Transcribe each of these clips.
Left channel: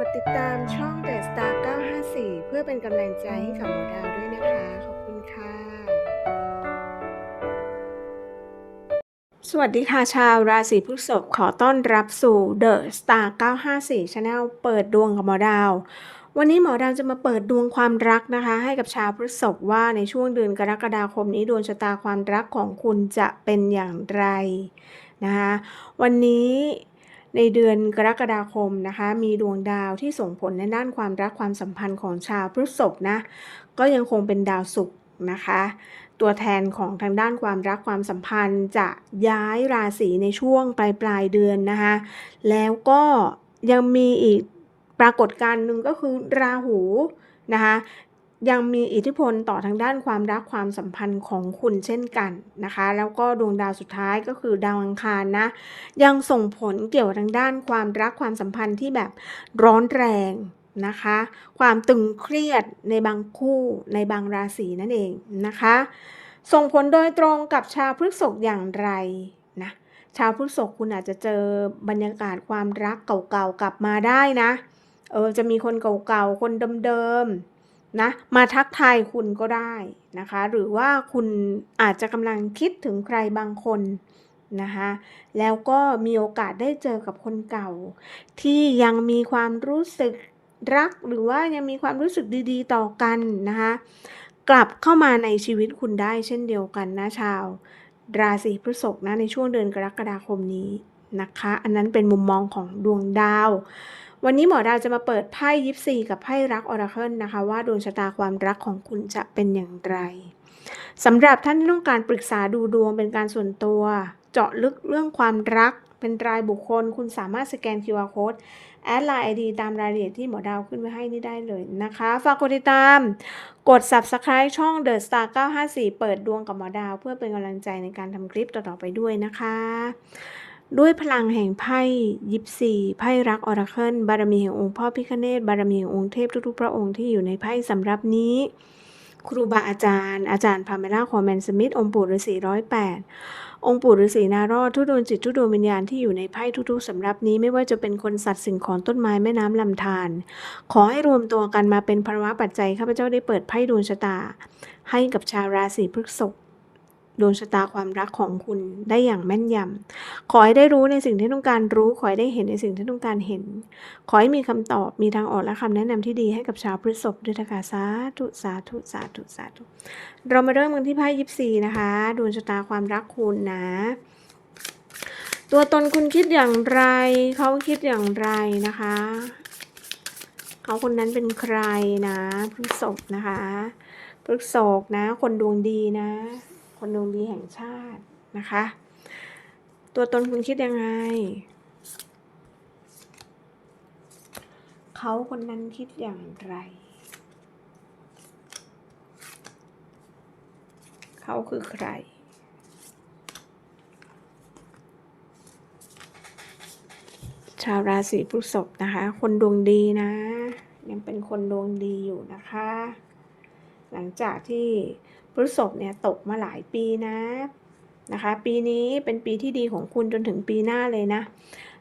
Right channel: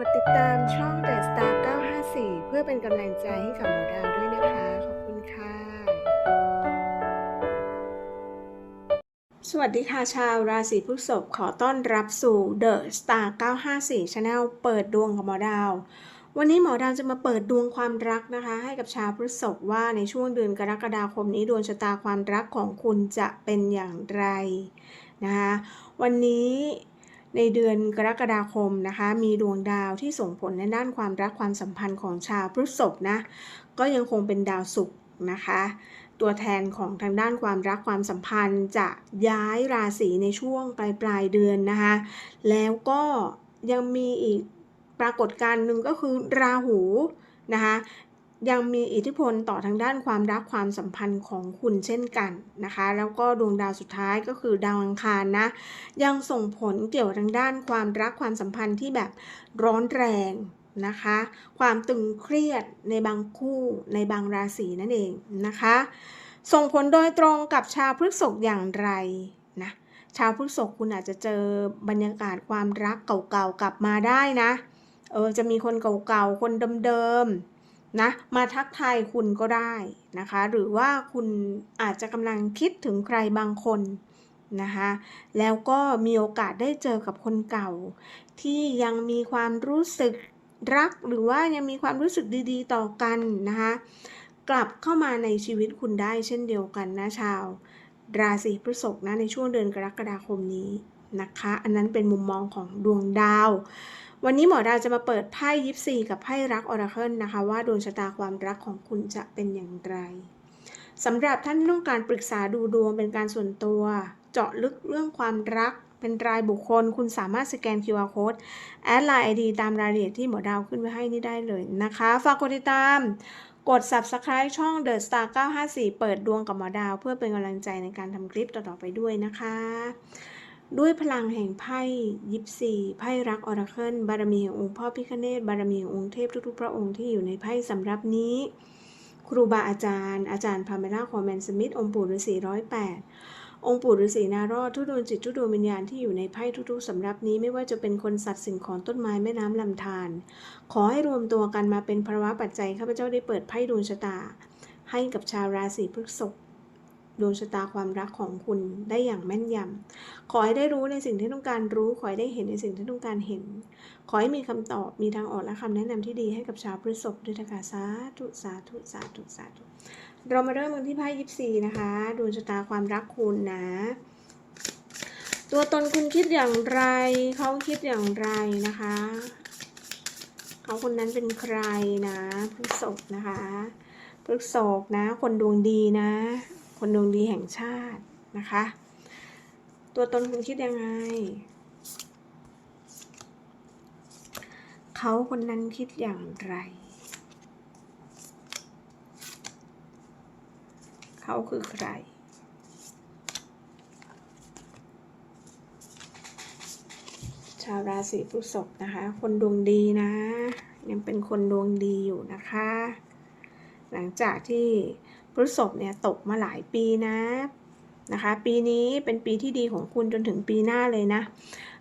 กดติดตามช่อง The Star 954 เพื่อเป็นกำลังใจให้กับหมอดาวด้วยนะคะ ขอบคุณค่ะ สวัสดีค่ะชาวราศีพฤษภขอต้อนรับสู่ The Star 954 Channel เปิดดวงกับหมอดาว วันนี้หมอดาวจะมาเปิดดวงความรักนะคะ ให้กับชาวพฤษภว่าในช่วงเดือนกรกฎาคมนี้ดวงชะตาความรักของคุณจะเป็นอย่างไรนะคะ วันนี้ ในเดือนกรกฎาคมนะคะ มีดวงดาวที่ส่งผลในด้านความรักความสัมพันธ์ของชาวพฤษภนะ ก็ยังคงเป็นดาวศุกร์นะคะ ตัวแทนของทางด้านความรักความสัมพันธ์จะย้ายราศีในช่วงปลายปลายเดือนนะคะ แล้วก็ยังมีอีกปรากฏการณ์หนึ่งก็คือราหูนะคะ ยังมีอิทธิพลต่อทางด้านความรักความสัมพันธ์ของคุณเช่นกันนะคะ แล้วก็ดวงดาวสุดท้ายก็คือดาวอังคารนะ ยังส่งผลเกี่ยวทางด้านความรักความสัมพันธ์ที่แบบร้อนแรงนะคะ ความตึงเครียดในบางคู่ในบางราศีนั่นเองนะคะ ส่งผลโดยตรงกับชาวพฤษภอย่างไรนะชาวพฤษภคุณอาจจะเจอบรรยากาศความรักเก่าๆกลับมาได้นะเออจะมีคนเก่าๆคนเดิมๆ นะมาทักทายคุณก็ได้นะคะ หรือว่าคุณอาจจะกำลังคิดถึงใครบางคนนะคะแล้วก็มีโอกาสได้เจอกับคนเก่า ที่ยังมีความรู้สึกรักหรือว่ายังมีความรู้สึกดีๆ ต่อกันนะคะกลับเข้ามาในชีวิตคุณได้เช่นเดียวกันนะชาว ราศีพฤษภนะในช่วงเดือนกรกฎาคมนี้นะคะ อันนั้นเป็นมุมมองของดวงดาว วันนี้หมอดาวจะมาเปิดไพ่ยิปซีกับไพ่รักออราเคิลนะคะ ว่าดวงชะตาความรักของคุณจะเป็นอย่างไรสำหรับท่านที่ต้องการปรึกษาดูดวงเป็นการส่วนตัว เจาะลึกเรื่องความรักเป็นรายบุคคล คุณสามารถสแกน QR Code แอดไลน์ไอดีตามรายละเอียดที่หมอดาวขึ้นไว้ให้นี่ได้เลยนะคะ ฝากกดติดตาม กด subscribe ช่อง The Star 954 เปิดดวงกับหมอดาว เพื่อเป็นกำลังใจในการทำคลิปต่อๆไปด้วยนะคะ ด้วยพลังแห่งไพ่ยิปซีไพ่รักออราเคิลบารมีแห่งองค์พ่อพิคเนตบารมีแห่งองค์เทพทุกๆ พระองค์ที่อยู่ในไพ่สำหรับนี้ ครูบาอาจารย์ อาจารย์พาเมล่าคอมแมนสมิธองค์ปู่ฤาษีร้อยแปดองค์ปู่ฤาษีนารอดทุดวงจิตทุดวงวิญญาณที่อยู่ในไพ่ทุกๆสำรับนี้ไม่ว่าจะเป็นคนสัตว์สิ่งของต้นไม้แม่น้ำลำธารขอให้รวมตัวกันมาเป็นภาวะปัจจัยข้าพเจ้าได้เปิดไพ่ดวงชะตา ให้กับชาวราศีพฤษภ ดวงชะตาความรักของคุณได้อย่างแม่นยำ ขอให้ได้รู้ในสิ่งที่ต้องการรู้ ขอให้ได้เห็นในสิ่งที่ต้องการเห็น ขอให้มีคำตอบ มีทางออกและคำแนะนำที่ดีให้กับชาวพฤษภด้วยนะคะสาธุสาธุสาธุสาธุ เรามาเริ่มกันที่ไพ่ยิปซีนะคะ ดวงชะตาความรักคุณนะ ตัวตนคุณคิดอย่างไร เขาคิดอย่างไรนะคะ เขาคนนั้นเป็นใครนะพฤษภนะคะพฤษภนะ คนดวงดีนะ คนดวงดีแห่งชาตินะคะ ตัวตนคุณคิดยังไง เขาคนนั้นคิดอย่างไร เขาคือใครชาวราศีพฤษภนะคะ คนดวงดีนะ ยังเป็นคนดวงดีอยู่นะคะ หลังจากที่ พฤษภเนี่ยตกมาหลายปีนะนะคะ ปีนี้เป็นปีที่ดีของคุณจนถึงปีหน้าเลยนะ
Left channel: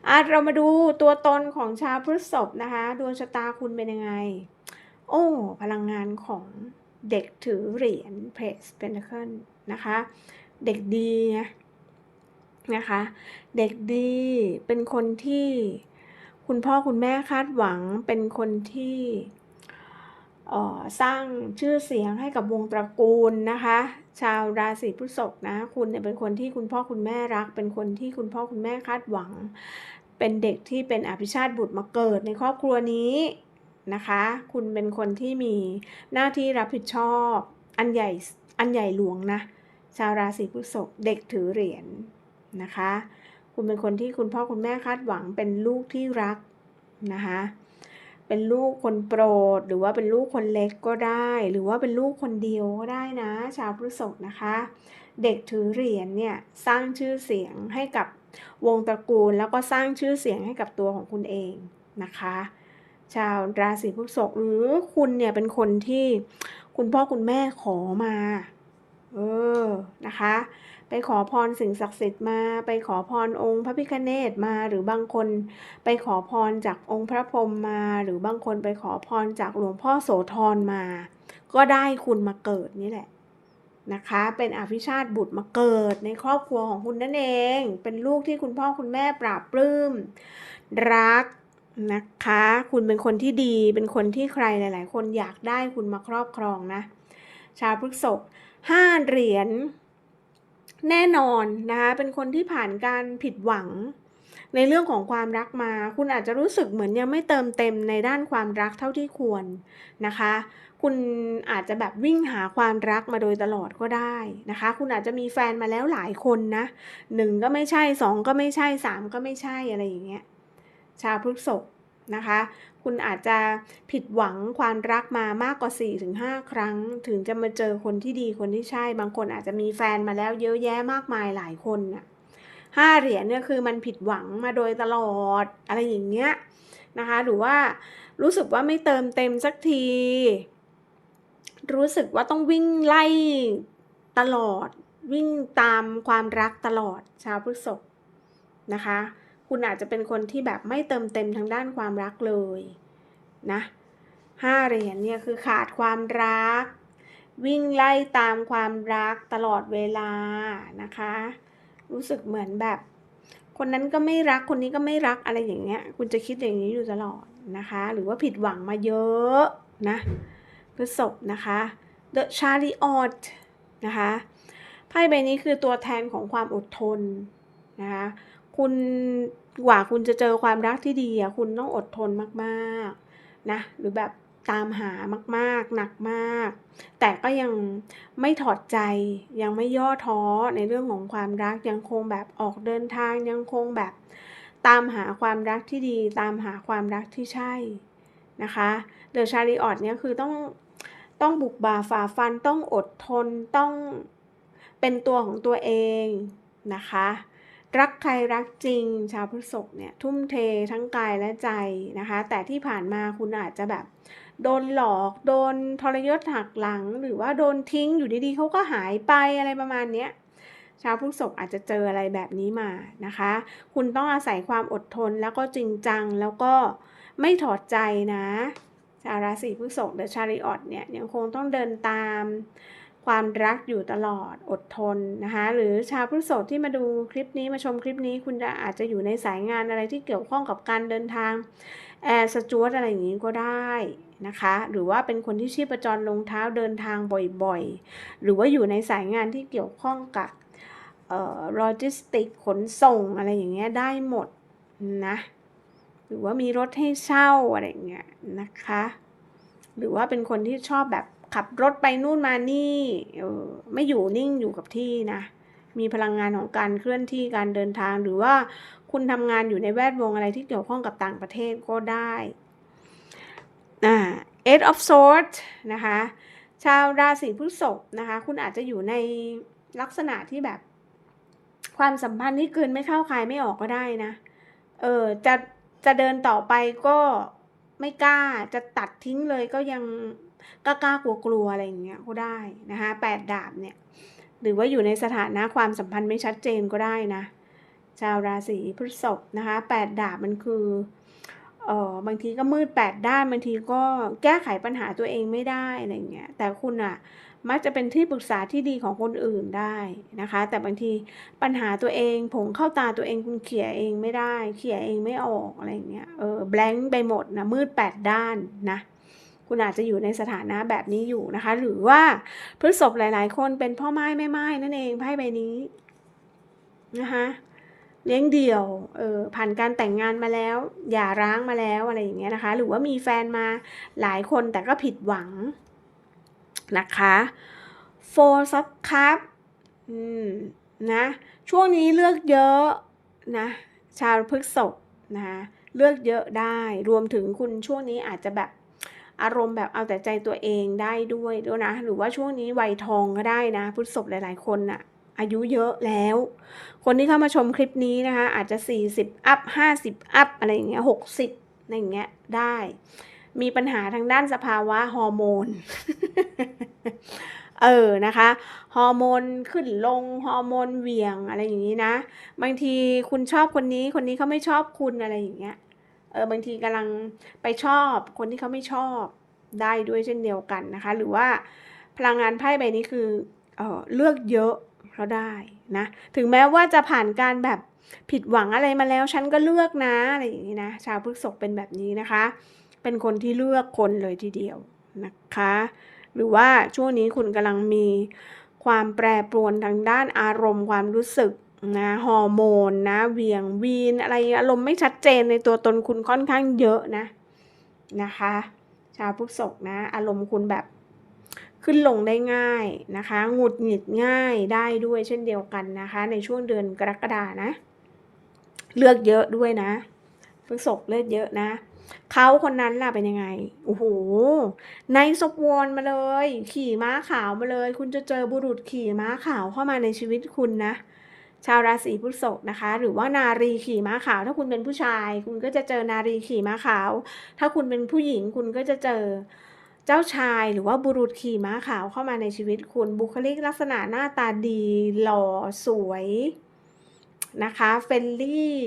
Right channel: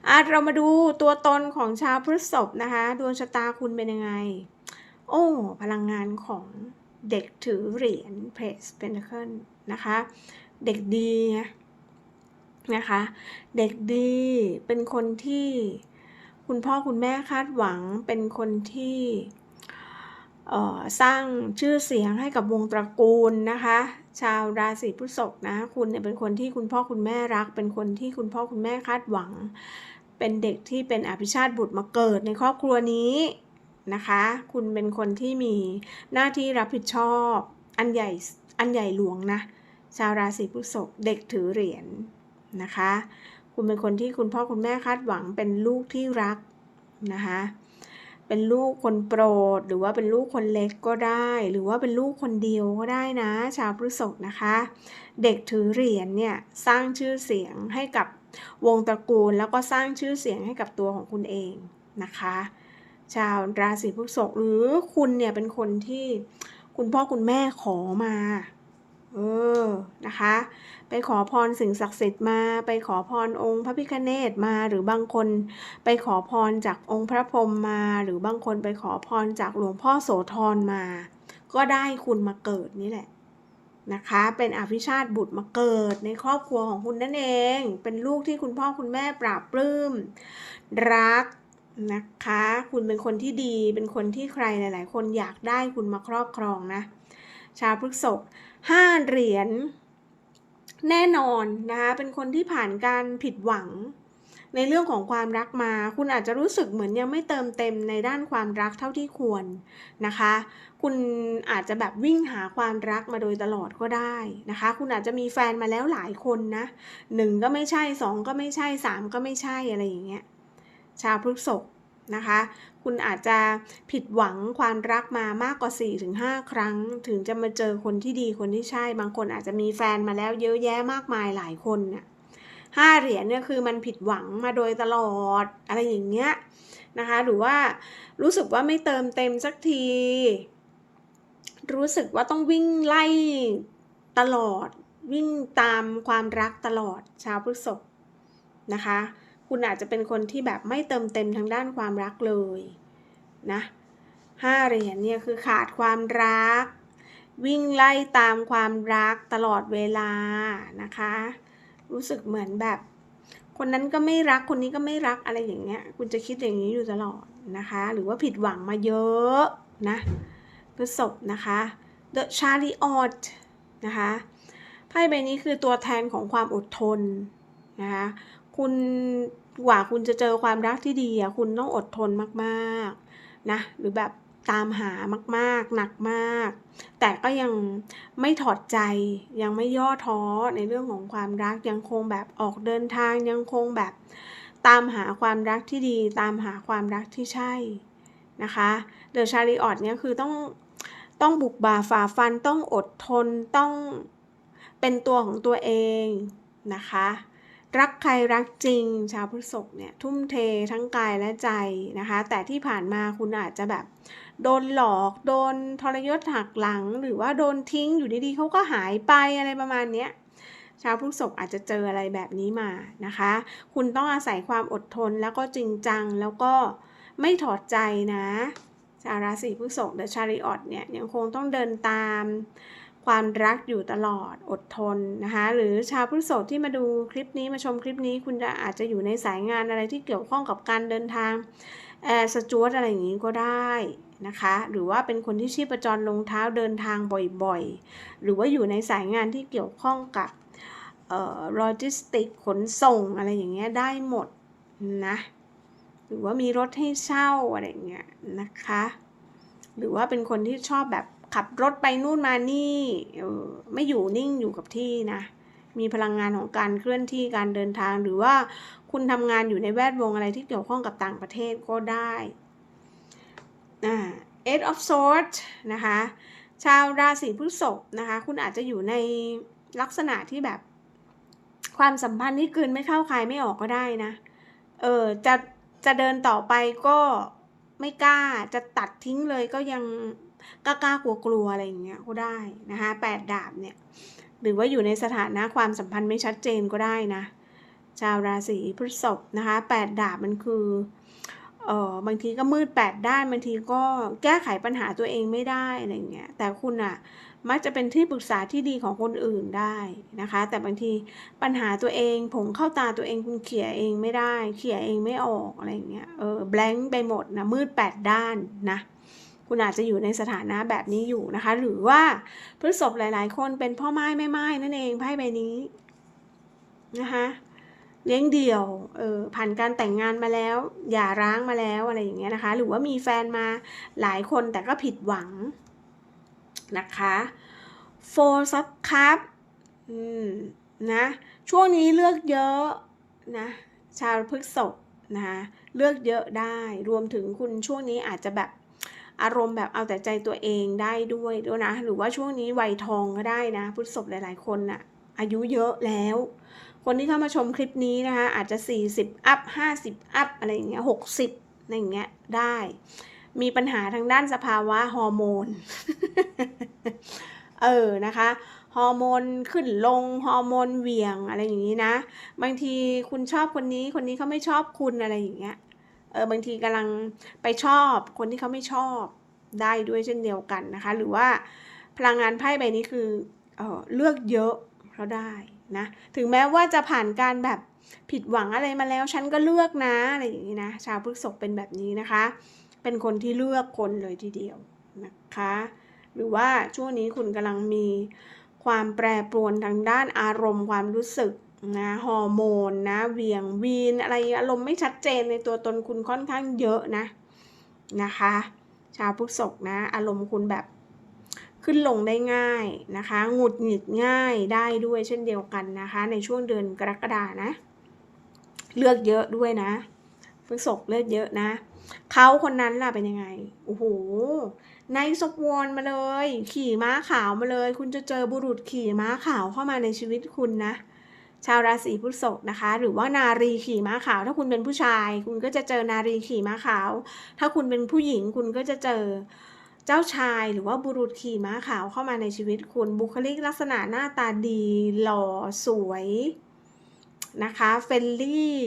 อาเรามาดูตัวตนของชาวพฤษภนะคะดวงชะตาคุณเป็นยังไง โอ้ พลังงานของเด็กถือเหรียญเพรสเป็นเคิลนะคะ เด็กดีนะคะ เด็กดีเป็นคนที่คุณพ่อคุณแม่คาดหวังเป็นคนที่ สร้างชื่อเสียงให้กับวงตระกูลนะคะ ชาวราศีพฤษภนะคุณเนี่ยเป็นคนที่คุณพ่อคุณแม่รัก เป็นคนที่คุณพ่อคุณแม่คาดหวัง เป็นเด็กที่เป็นอภิชาติบุตรมาเกิดในครอบครัวนี้นะคะ คุณเป็นคนที่มีหน้าที่รับผิดชอบ อันใหญ่อันใหญ่หลวงนะ ชาวราศีพฤษภเด็กถือเหรียญนะคะ คุณเป็นคนที่คุณพ่อคุณแม่คาดหวังเป็นลูกที่รักนะคะ เป็นลูกคนโปรด หรือว่าเป็นลูกคนเล็กก็ได้ หรือว่าเป็นลูกคนเดียวก็ได้นะ ชาวพฤษภนะคะ เด็กถือเหรียญเนี่ยสร้างชื่อเสียงให้กับวงตระกูล แล้วก็สร้างชื่อเสียงให้กับตัวของคุณเองนะคะ ชาวราศีพฤษภหรือคุณเนี่ยเป็นคนที่คุณพ่อคุณแม่ขอมา เออนะคะ ไปขอพรสิ่งศักดิ์สิทธิ์มา ไปขอพรองค์พระพิฆเนศมา หรือบางคนไปขอพรจากองค์พระพรหมมา หรือบางคนไปขอพรจากหลวงพ่อโสธรมา ก็ได้คุณมาเกิดนี่แหละนะคะ เป็นอภิชาติบุตรมาเกิดในครอบครัวของคุณนั่นเอง เป็นลูกที่คุณพ่อคุณแม่ปราบปลื้ม รักนะคะ คุณเป็นคนที่ดี เป็นคนที่ใครหลาย ๆ คนอยากได้คุณมาครอบครองนะ ชาวพฤษภ ห้าเหรียญแน่นอนนะคะเป็นคนที่ผ่านการผิดหวัง ในเรื่องของความรักมา คุณอาจจะรู้สึกเหมือนยังไม่เติมเต็มในด้านความรักเท่าที่ควรนะคะ คุณอาจจะแบบวิ่งหาความรักมาโดยตลอดก็ได้นะคะ คุณอาจจะมีแฟนมาแล้วหลายคนนะหนึ่งก็ไม่ใช่สองก็ไม่ใช่สามก็ไม่ใช่อะไรอย่างเงี้ยชาวพฤษภนะคะ คุณอาจจะผิดหวังความรักมามากกว่า 4-5 ครั้ง ถึงจะมาเจอคนที่ดีคนที่ใช่ บางคนอาจจะมีแฟนมาแล้วเยอะแยะมากมายหลายคนน่ะห้าเหรียญเนี่ยคือมันผิดหวังมาโดยตลอดอะไรอย่างเงี้ยนะคะ หรือว่ารู้สึกว่าไม่เติมเต็มสักที รู้สึกว่าต้องวิ่งไล่ตลอด วิ่งตามความรักตลอดชาวพฤษภนะคะ คุณอาจจะเป็นคนที่แบบไม่เติมเต็มทางด้านความรักเลยนะห้าเหรียญเนี่ยคือขาดความรัก วิ่งไล่ตามความรักตลอดเวลานะคะ รู้สึกเหมือนแบบ คนนั้นก็ไม่รักคนนี้ก็ไม่รักอะไรอย่างเงี้ย คุณจะคิดอย่างนี้อยู่ตลอดนะคะ หรือว่าผิดหวังมาเยอะนะพฤษภนะคะ The Chariot นะคะไพ่ใบนี้คือตัวแทนของความอดทนนะคะ คุณกว่าคุณจะเจอความรักที่ดีอะคุณต้องอดทนมากๆนะหรือแบบตามหามากๆ หนักมาก แต่ก็ยังไม่ถอดใจยังไม่ย่อท้อในเรื่องของความรักยังคงแบบออกเดินทางยังคงแบบตามหาความรักที่ดี ตามหาความรักที่ใช่นะคะเดอะชาริออตเนี่ยคือต้องต้องบุกบ่าฝ่าฟันต้องอดทนต้องเป็นตัวของตัวเองนะคะ รักใครรักจริง ชาวพฤษภเนี่ยทุ่มเททั้งกายและใจนะคะ แต่ที่ผ่านมาคุณอาจจะแบบ โดนหลอก โดนทรยศหักหลัง หรือว่าโดนทิ้งอยู่ดีๆเขาก็หายไปอะไรประมาณเนี้ยชาวพฤษภอาจจะเจออะไรแบบนี้มานะคะ คุณต้องอาศัยความอดทนแล้วก็จริงจังแล้วก็ไม่ถอดใจนะ ชาวราศีพฤษภเดอะชาริออตเนี่ยยังคงต้องเดินตาม ความรักอยู่ตลอดอดทนนะคะหรือชาวพฤษภที่มาดูคลิปนี้มาชมคลิปนี้คุณจะอาจจะอยู่ในสายงานอะไรที่เกี่ยวข้องกับการเดินทางแอร์สจวตอะไรอย่างนี้ก็ได้นะคะ หรือว่าเป็นคนที่ชีพจรลงเท้าเดินทางบ่อยๆ หรือว่าอยู่ในสายงานที่เกี่ยวข้องกับโลจิสติกขนส่งอะไรอย่างเงี้ยได้หมดนะหรือว่ามีรถให้เช่าอะไรอย่างเงี้ยนะคะ หรือว่าเป็นคนที่ชอบแบบ ขับรถไปนู่นมานี่ไม่อยู่นิ่งอยู่กับที่นะ มีพลังงานของการเคลื่อนที่การเดินทาง หรือว่าคุณทำงานอยู่ในแวดวงอะไรที่เกี่ยวข้องกับต่างประเทศก็ได้อ่า eight of swords นะคะ ชาวราศีพฤษภนะคะ คุณอาจจะอยู่ในลักษณะที่แบบความสัมพันธ์ที่เกินไม่เข้าใครไม่ออกก็ได้นะ เออ จะจะเดินต่อไปก็ไม่กล้า จะตัดทิ้งเลยก็ยัง กล้ากลัวกลัวอะไรอย่างเงี้ยก็ได้นะคะแปดดาบเนี่ยหรือว่าอยู่ในสถานะความสัมพันธ์ไม่ชัดเจนก็ได้นะ ชาวราศีพฤษภนะคะแปดดาบมันคือเออบางทีก็มืดแปดด้านบางทีก็แก้ไขปัญหาตัวเองไม่ได้อะไรเงี้ยแต่คุณอะมักจะเป็นที่ปรึกษาที่ดีของคนอื่นได้นะคะ แต่บางทีปัญหาตัวเองผงเข้าตาตัวเองคุณเขี่ยเองไม่ได้ เขี่ยเองไม่ออกอะไรเงี้ยเออแบงค์ไปหมดนะมืดแปดด้านนะ คุณอาจจะอยู่ในสถานะแบบนี้อยู่นะคะ หรือว่าพฤษภหลาย ๆ คนเป็นพ่อไม้แม่ไม้นั่นเองไพ่ใบนี้นะคะเลี้ยงเดี่ยว เออ ผ่านการแต่งงานมาแล้ว อย่าร้างมาแล้วอะไรอย่างเงี้ยนะคะ หรือว่ามีแฟนมาหลายคนแต่ก็ผิดหวังนะคะ four of cup อืม นะ ช่วงนี้เลือกเยอะนะ ชาวพฤษภนะคะ เลือกเยอะได้ รวมถึงคุณช่วงนี้อาจจะแบบ อารมณ์แบบเอาแต่ใจตัวเองได้ด้วยด้วยนะ หรือว่าช่วงนี้วัยทองก็ได้นะพุทธศพหลายๆ คนอะอายุเยอะแล้ว คนที่เข้ามาชมคลิปนี้นะคะ อาจจะ 40 อัพ 50 อัพ อะไรอย่างเงี้ย 60อะไรอย่างเงี้ย ได้ มีปัญหาทางด้านสภาวะฮอร์โมน เออ นะคะ ฮอร์โมนขึ้นลง ฮอร์โมนเหวี่ยงอะไรอย่างนี้นะ บางทีคุณชอบคนนี้ คนนี้เขาไม่ชอบคุณอะไรอย่างเงี้ย เออบางทีกำลังไปชอบคนที่เขาไม่ชอบได้ด้วยเช่นเดียวกันนะคะ หรือว่าพลังงานไพ่ใบนี้คือเออเลือกเยอะเขาได้นะถึงแม้ว่าจะผ่านการแบบผิดหวังอะไรมาแล้ว ฉันก็เลือกนะอะไรอย่างนี้นะชาวพฤษภเป็นแบบนี้นะคะ เป็นคนที่เลือกคนเลยทีเดียวนะคะ หรือว่าช่วงนี้คุณกำลังมีความแปรปรวนทางด้านอารมณ์ความรู้สึก นะฮอร์โมนนะเวียงวีนอะไรอารมณ์ไม่ชัดเจนในตัวตนคุณค่อนข้างเยอะนะนะคะ ชาวพฤษภนะ อารมณ์คุณแบบขึ้นลงได้ง่ายนะคะหงุดหงิดง่ายได้ด้วยเช่นเดียวกันนะคะ ในช่วงเดือนกรกฎานะ เลือกเยอะด้วยนะพฤษภเลือกเยอะนะเขาคนนั้นล่ะเป็นยังไง โอ้โห ในศพวนมาเลย ขี่ม้าขาวมาเลย คุณจะเจอบุรุษขี่ม้าขาวเข้ามาในชีวิตคุณนะ ชาวราศีพฤษภนะคะ หรือว่านารีขี่ม้าขาว ถ้าคุณเป็นผู้ชาย คุณก็จะเจอนารีขี่ม้าขาว ถ้าคุณเป็นผู้หญิงคุณก็จะเจอเจ้าชายหรือว่าบุรุษขี่ม้าขาวเข้ามาในชีวิตคุณบุคลิกลักษณะหน้าตาดี หล่อสวยนะคะเฟลลี่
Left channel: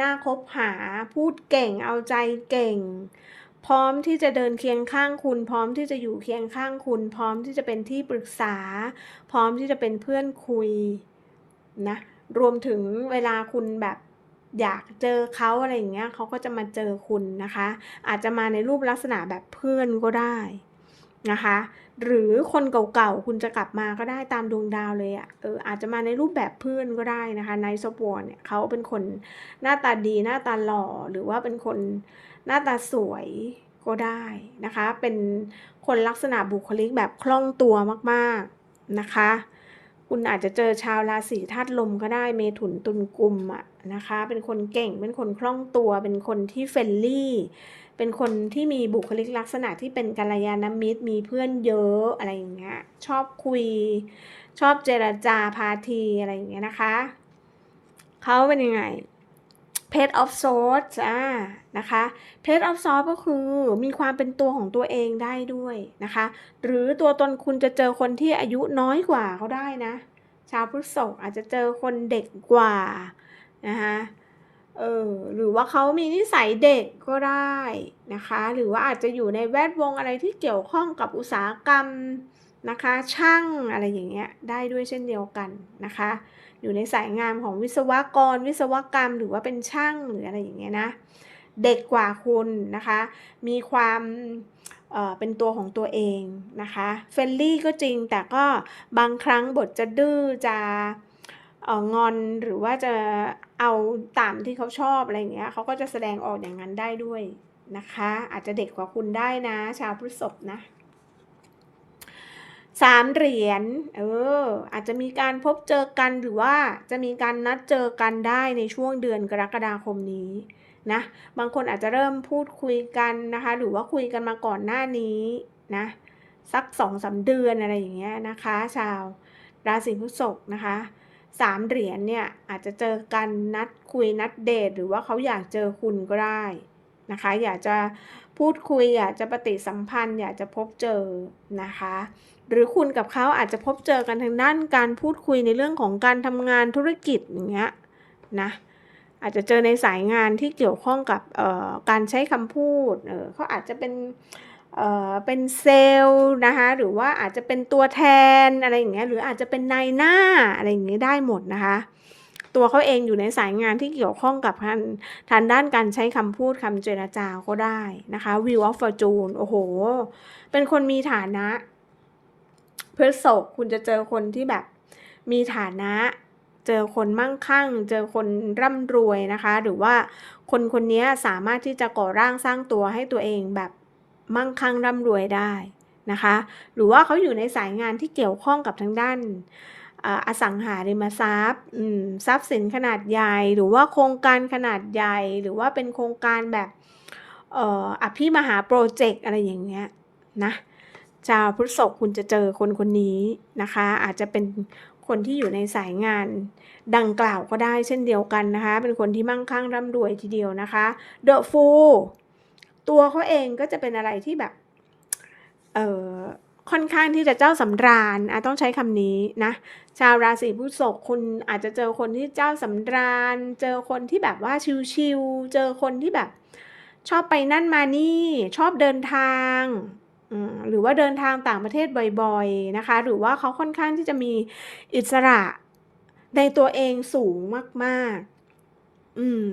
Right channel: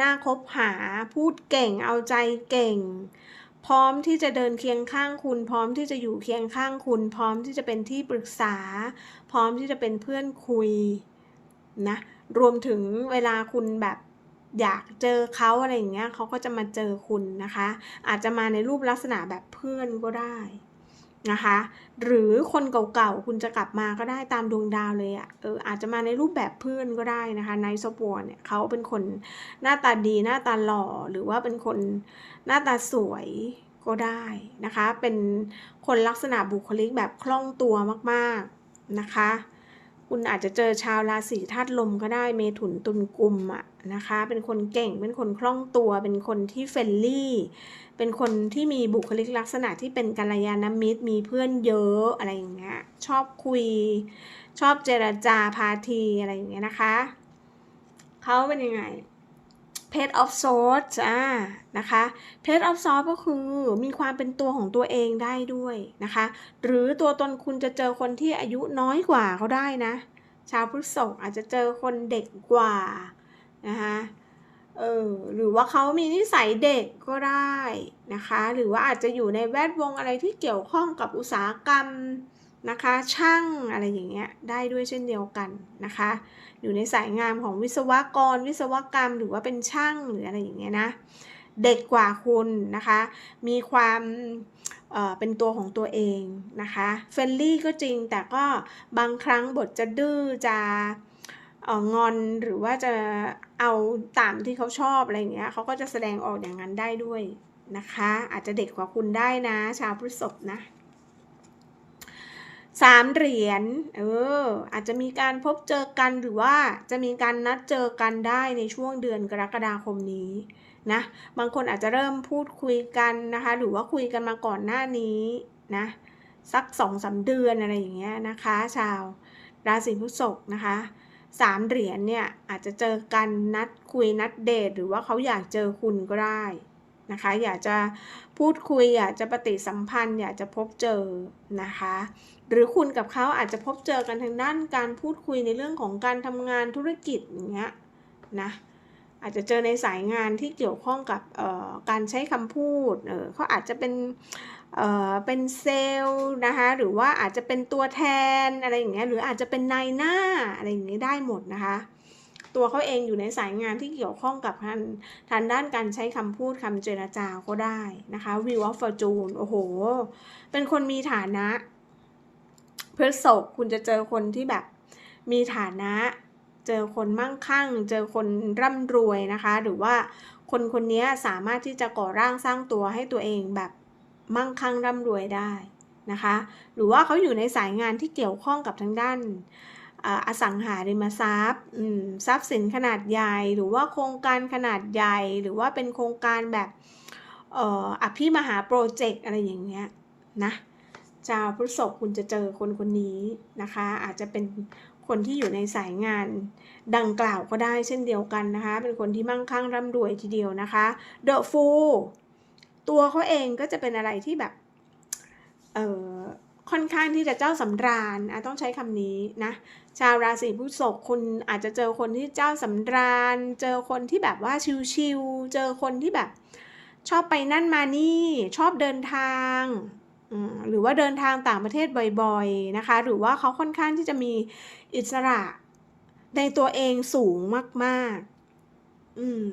น่าคบหาพูดเก่งเอาใจเก่ง พร้อมที่จะเดินเคียงข้างคุณ พร้อมที่จะอยู่เคียงข้างคุณ พร้อมที่จะเป็นที่ปรึกษา พร้อมที่จะเป็นเพื่อนคุยนะ รวมถึงเวลาคุณแบบอยากเจอเขาอะไรอย่างเงี้ยเขาก็จะมาเจอคุณนะคะ อาจจะมาในรูปลักษณะแบบเพื่อนก็ได้นะคะ หรือคนเก่าๆคุณจะกลับมาก็ได้ตามดวงดาวเลยอะ่ะเอออาจจะมาในรูปแบบเพื่อนก็ได้นะคะไนท์ซอวเนี่ยเขาเป็นคนหน้าตาดีหน้าตาหล่อหรือว่าเป็นคนหน้าตาสวยก็ได้นะคะ เป็นคนลักษณะบุคลิกแบบคล่องตัวมากๆนะคะ คุณอาจจะเจอชาวราศีธาตุลมก็ได้เมถุนตุลกุมอะนะคะ เป็นคนเก่ง เป็นคนคล่องตัว เป็นคนที่เฟรนลี่ เป็นคนที่มีบุคลิกลักษณะที่เป็นกัลยาณมิตร มีเพื่อนเยอะอะไรอย่างเงี้ย ชอบคุย ชอบเจรจาพาทีอะไรอย่างเงี้ยนะคะ เขาเป็นยังไง Page of Swords อ่านะคะ Page of Swords ก็คือมีความเป็นตัวของตัวเองได้ด้วยนะคะ หรือตัวตนคุณจะเจอคนที่อายุน้อยกว่าเขาได้นะ ชาวพฤษภอาจจะเจอคนเด็กกว่านะคะเออหรือว่าเขามีนิสัยเด็กก็ได้นะคะ หรือว่าอาจจะอยู่ในแวดวงอะไรที่เกี่ยวข้องกับอุตสาหกรรมนะคะ ช่างอะไรอย่างเงี้ยได้ด้วยเช่นเดียวกันนะคะ อยู่ในสายงานของวิศวกร วิศวกรรม หรือว่าเป็นช่างหรืออะไรอย่างเงี้ยนะเด็กกว่าคุณนะคะ มีความเเป็นตัวของตัวเองนะคะเฟรนลี่ก็จริงแต่ก็บางครั้งบทจะดื้อจะงอนหรือว่าจะเอาตามที่เขาชอบอะไรเงี้ยเขาก็จะแสดงออกอย่างนั้นได้ด้วยนะคะ อาจจะเด็กกว่าคุณได้นะ ชาวพฤษภนะ สามเหรียญ เออ อาจจะมีการพบเจอกันหรือว่าจะมีการนัดเจอกันได้ในช่วงเดือนกรกฎาคมนี้นะ บางคนอาจจะเริ่มพูดคุยกันนะคะ หรือว่าคุยกันมาก่อนหน้านี้นะ สักสองสาเดือนอะไรอย่างเงี้ยนะคะ ชาวราศีพฤษภนะคะสามเหรียญเนี่ยอาจจะเจอกันนัดคุยนัดเดทหรือว่าเขาอยากเจอคุณก็ได้นะคะ อยากจะพูดคุยอยากจะปฏิสัมพันธ์ อยากจะพบเจอนะคะ หรือคุณกับเขาอาจจะพบเจอกันทางด้านการพูดคุยในเรื่องของการทำงานธุรกิจอย่างเงี้ยนะอาจจะเจอในสายงานที่เกี่ยวข้องกับการใช้คำพูดเเขาอาจจะเป็นเเป็นเซลล์นะคะหรือว่าอาจจะเป็นตัวแทนอะไรอย่างเงี้ยหรืออาจจะเป็นนายหน้าอะไรอย่างเงี้ยได้หมดนะคะตัวเขาเองอยู่ในสายงานที่เกี่ยวข้องกับทางทางด้านการใช้คำพูดคำเจรจาก็ได้นะคะ View of Fortune โอ้โห เป็นคนมีฐานะ พื่อศกคุณจะเจอคนที่แบบมีฐานะ เจอคนมั่งคั่ง เจอคนร่ำรวยนะคะ หรือว่าคนคนนี้สามารถที่จะก่อร่างสร้างตัวให้ตัวเองแบบมั่งคั่งร่ำรวยได้นะคะ หรือว่าเขาอยู่ในสายงานที่เกี่ยวข้องกับทางด้านอสังหาริมทรัพย์ทรัพย์สินขนาดใหญ่ หรือว่าโครงการขนาดใหญ่ หรือว่าเป็นโครงการแบบอภิมหาโปรเจกต์อะไรอย่างเงี้ยนะ ชาวพฤษภคุณจะเจอคนคนนี้นะคะ อาจจะเป็นคนที่อยู่ในสายงานดังกล่าวก็ได้เช่นเดียวกันนะคะ เป็นคนที่มั่งคั่งร่ำรวยทีเดียวนะคะ The Fool ตัวเขาเองก็จะเป็นอะไรที่แบบเออค่อนข้างที่จะเจ้าสำราญอะต้องใช้คำนี้นะ ชาวราศีพฤษภคุณอาจจะเจอคนที่เจ้าสำราญ เจอคนที่แบบว่าชิวๆเจอคนที่แบบ ชอบไปนั่นมานี่ ชอบเดินทาง หรือว่าเดินทางต่างประเทศบ่อยๆนะคะ หรือว่าเขาค่อนข้างที่จะมีอิสระในตัวเองสูงมาก ๆ อืม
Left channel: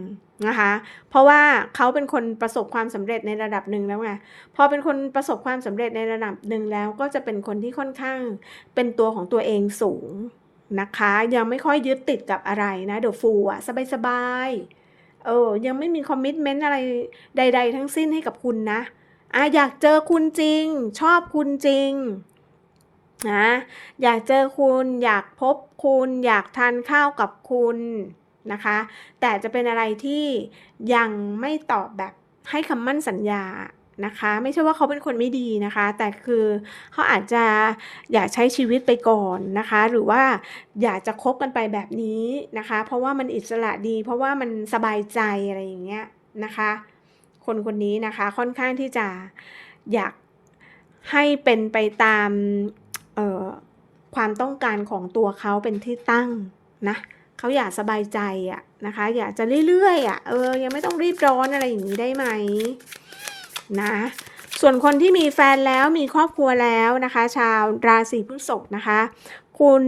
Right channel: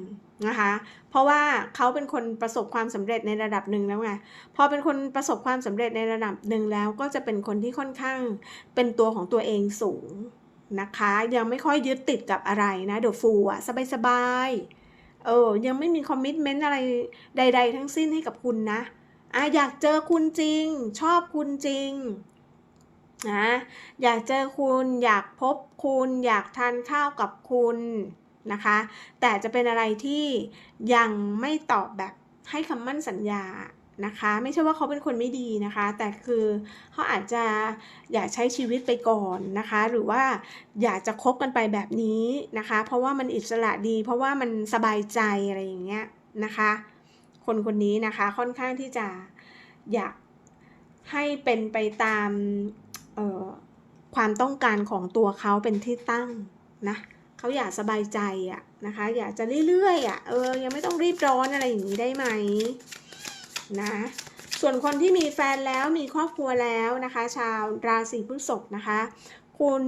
นะคะ เพราะว่าเขาเป็นคนประสบความสำเร็จในระดับหนึ่งแล้วไง พอเป็นคนประสบความสำเร็จในระดับหนึ่งแล้ว ก็จะเป็นคนที่ค่อนข้างเป็นตัวของตัวเองสูงนะคะ ยังไม่ค่อยยึดติดกับอะไรนะเดี๋ยวฟูอะสบายๆ เออ ยังไม่มีคอมมิชเมนต์อะไรใด ๆ ทั้งสิ้นให้กับคุณนะ อะอยากเจอคุณจริง ชอบคุณจริงนะอยากเจอคุณอยากพบคุณ อยากทานข้าวกับคุณนะคะ แต่จะเป็นอะไรที่ยังไม่ตอบแบบให้คำมั่นสัญญานะคะ ไม่ใช่ว่าเขาเป็นคนไม่ดีนะคะ แต่คือเขาอาจจะอยากใช้ชีวิตไปก่อนนะคะ หรือว่าอยากจะคบกันไปแบบนี้นะคะ เพราะว่ามันอิสระดี เพราะว่ามันสบายใจอะไรอย่างเงี้ยนะคะ คนคนนี้นะคะค่อนข้างที่จะอยากให้เป็นไปตามความต้องการของตัวเขาเป็นที่ตั้งนะเขาอยากสบายใจอะนะคะ อยากจะเรื่อยๆอะเออยังไม่ต้องรีบร้อนอะไรอย่างนี้ได้ไหมนะส่วนคนที่มีแฟนแล้วมีครอบครัวแล้วนะคะ ชาวราศีพฤษภนะคะ คุณ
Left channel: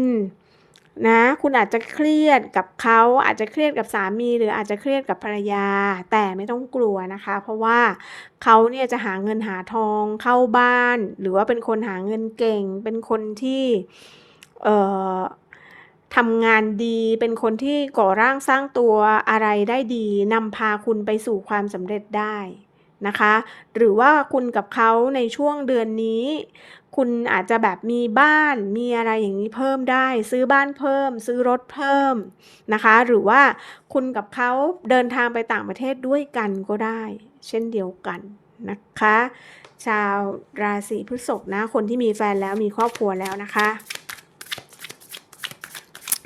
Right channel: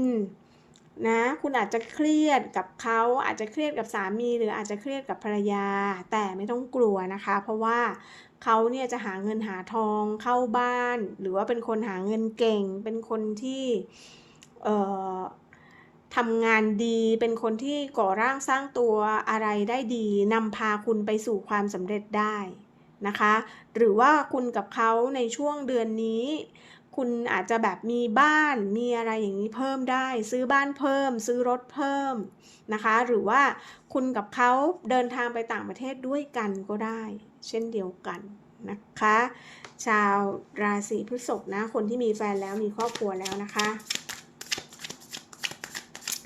นะคุณอาจจะเครียดกับเขาอาจจะเครียดกับสามี หรืออาจจะเครียดกับภรรยา แต่ไม่ต้องกลัวนะคะ เพราะว่าเขาเนี่ยจะหาเงินหาทองเข้าบ้าน หรือว่าเป็นคนหาเงินเก่ง เป็นคนที่เอ่อทำงานดี เป็นคนที่ก่อร่างสร้างตัวอะไรได้ดีนำพาคุณไปสู่ความสำเร็จได้นะคะ หรือว่าคุณกับเขาในช่วงเดือนนี้ คุณอาจจะแบบมีบ้านมีอะไรอย่างนี้เพิ่มได้ ซื้อบ้านเพิ่ม ซื้อรถเพิ่มนะคะ หรือว่าคุณกับเขาเดินทางไปต่างประเทศด้วยกันก็ได้ เช่นเดียวกันนะคะ ชาวราศีพฤษภนะ คนที่มีแฟนแล้วมีครอบครัวแล้วนะคะ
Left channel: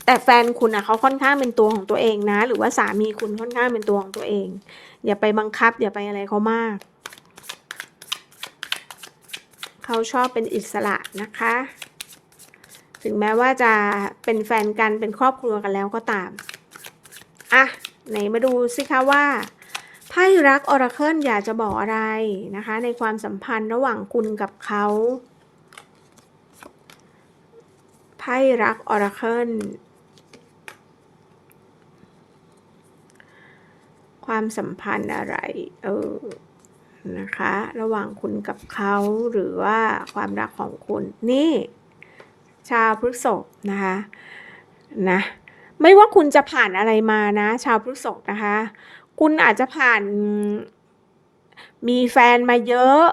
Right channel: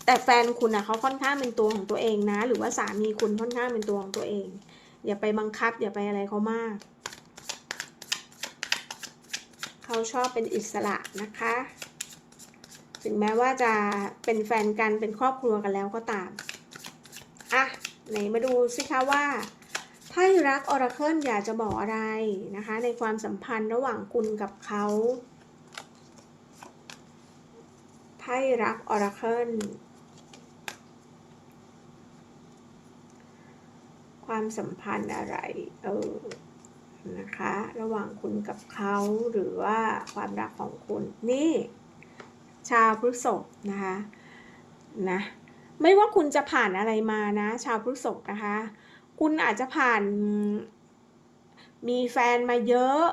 แต่แฟนคุณอะเขาค่อนข้างเป็นตัวของตัวเองนะ หรือว่าสามีคุณค่อนข้างเป็นตัวของตัวเอง อย่าไปบังคับ อย่าไปอะไรเขามาก เขาชอบเป็นอิสระนะคะ ถึงแม้ว่าจะเป็นแฟนกันเป็นครอบครัวกันแล้วก็ตาม อะ ไหนมาดูสิคะว่าไพ่รักออราเคิลอยากจะบอกอะไรนะคะ ในความสัมพันธ์ระหว่างคุณกับเขาไพ่รักออราเคิลความสัมพันธ์อะไร เออ นะคะ ระหว่างคุณกับเขาหรือว่าความรักของคุณนี่ ชาวพฤษภนะคะนะไม่ว่าคุณจะผ่านอะไรมานะ ชาวพฤษภนะคะ คุณอาจจะผ่านมีแฟนมาเยอะ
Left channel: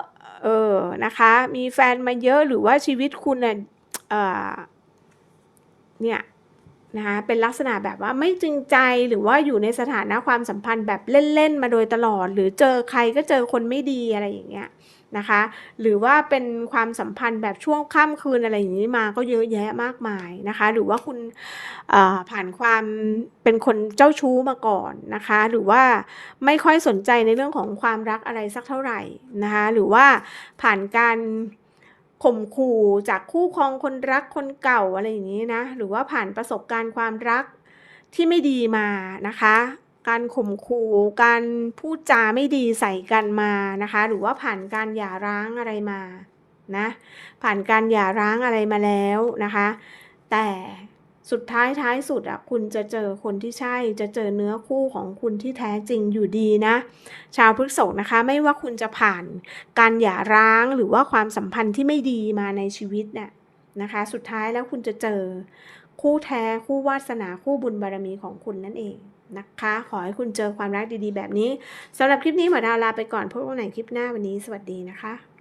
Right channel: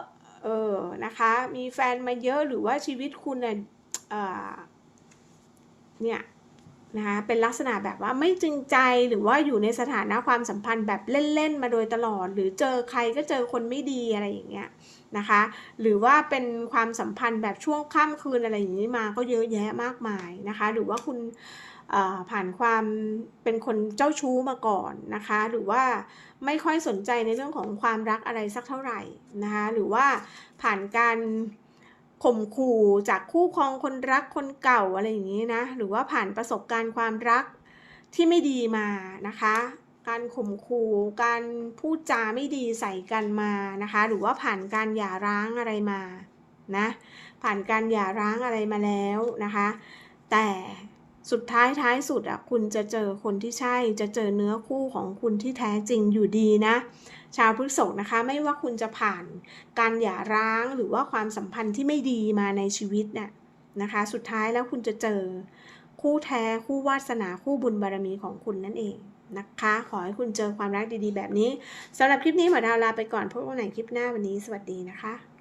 เออนะคะ มีแฟนมาเยอะหรือว่าชีวิตคุณเนี่ยเนี่ย นะคะเป็นลักษณะแบบว่าไม่จริงใจหรือว่าอยู่ในสถานะความสัมพันธ์แบบเล่น ๆ มาโดยตลอด หรือเจอใครก็เจอคนไม่ดีอะไรอย่างเงี้ยนะคะ หรือว่าเป็นความสัมพันธ์แบบช่วงค่ำคืนอะไรอย่างนี้มาก็เยอะแยะมากมายนะคะ หรือว่าคุณผ่านความเป็นคนเจ้าชู้มาก่อนนะคะ หรือว่าไม่ค่อยสนใจในเรื่องของความรักอะไรสักเท่าไหร่นะคะ หรือว่าผ่านการ ข่มขู่จากคู่ครองคนรักคนเก่าอะไรอย่างนี้นะ หรือว่าผ่านประสบการณ์ความรักที่ไม่ดีมานะคะ การข่มขู่การพูดจาไม่ดีใส่กันมานะคะ หรือว่าผ่านการหย่าร้างอะไรมานะผ่านการหย่าร้างอะไรมาแล้วนะคะ แต่ สุดท้ายท้ายสุดอะคุณจะเจอคนที่ใช่ จะเจอเนื้อคู่ของคุณที่แท้จริงอยู่ดีนะ ชาวพฤษภนะคะ ไม่ว่าคุณจะผ่านการหย่าร้างหรือว่าความสัมพันธ์ที่ไม่ดีมาในชีวิตเนี่ยนะคะ สุดท้ายแล้วคุณจะเจอคู่แท้คู่วาสนาคู่บุญบารมีของคุณนั่นเองนะคะ ขอให้คุณเจอความรักดีๆ แบบนี้สำหรับคลิปนี้หมอดาวลาไปก่อนพบกันใหม่คลิปหน้าวันนี้สวัสดีนะคะ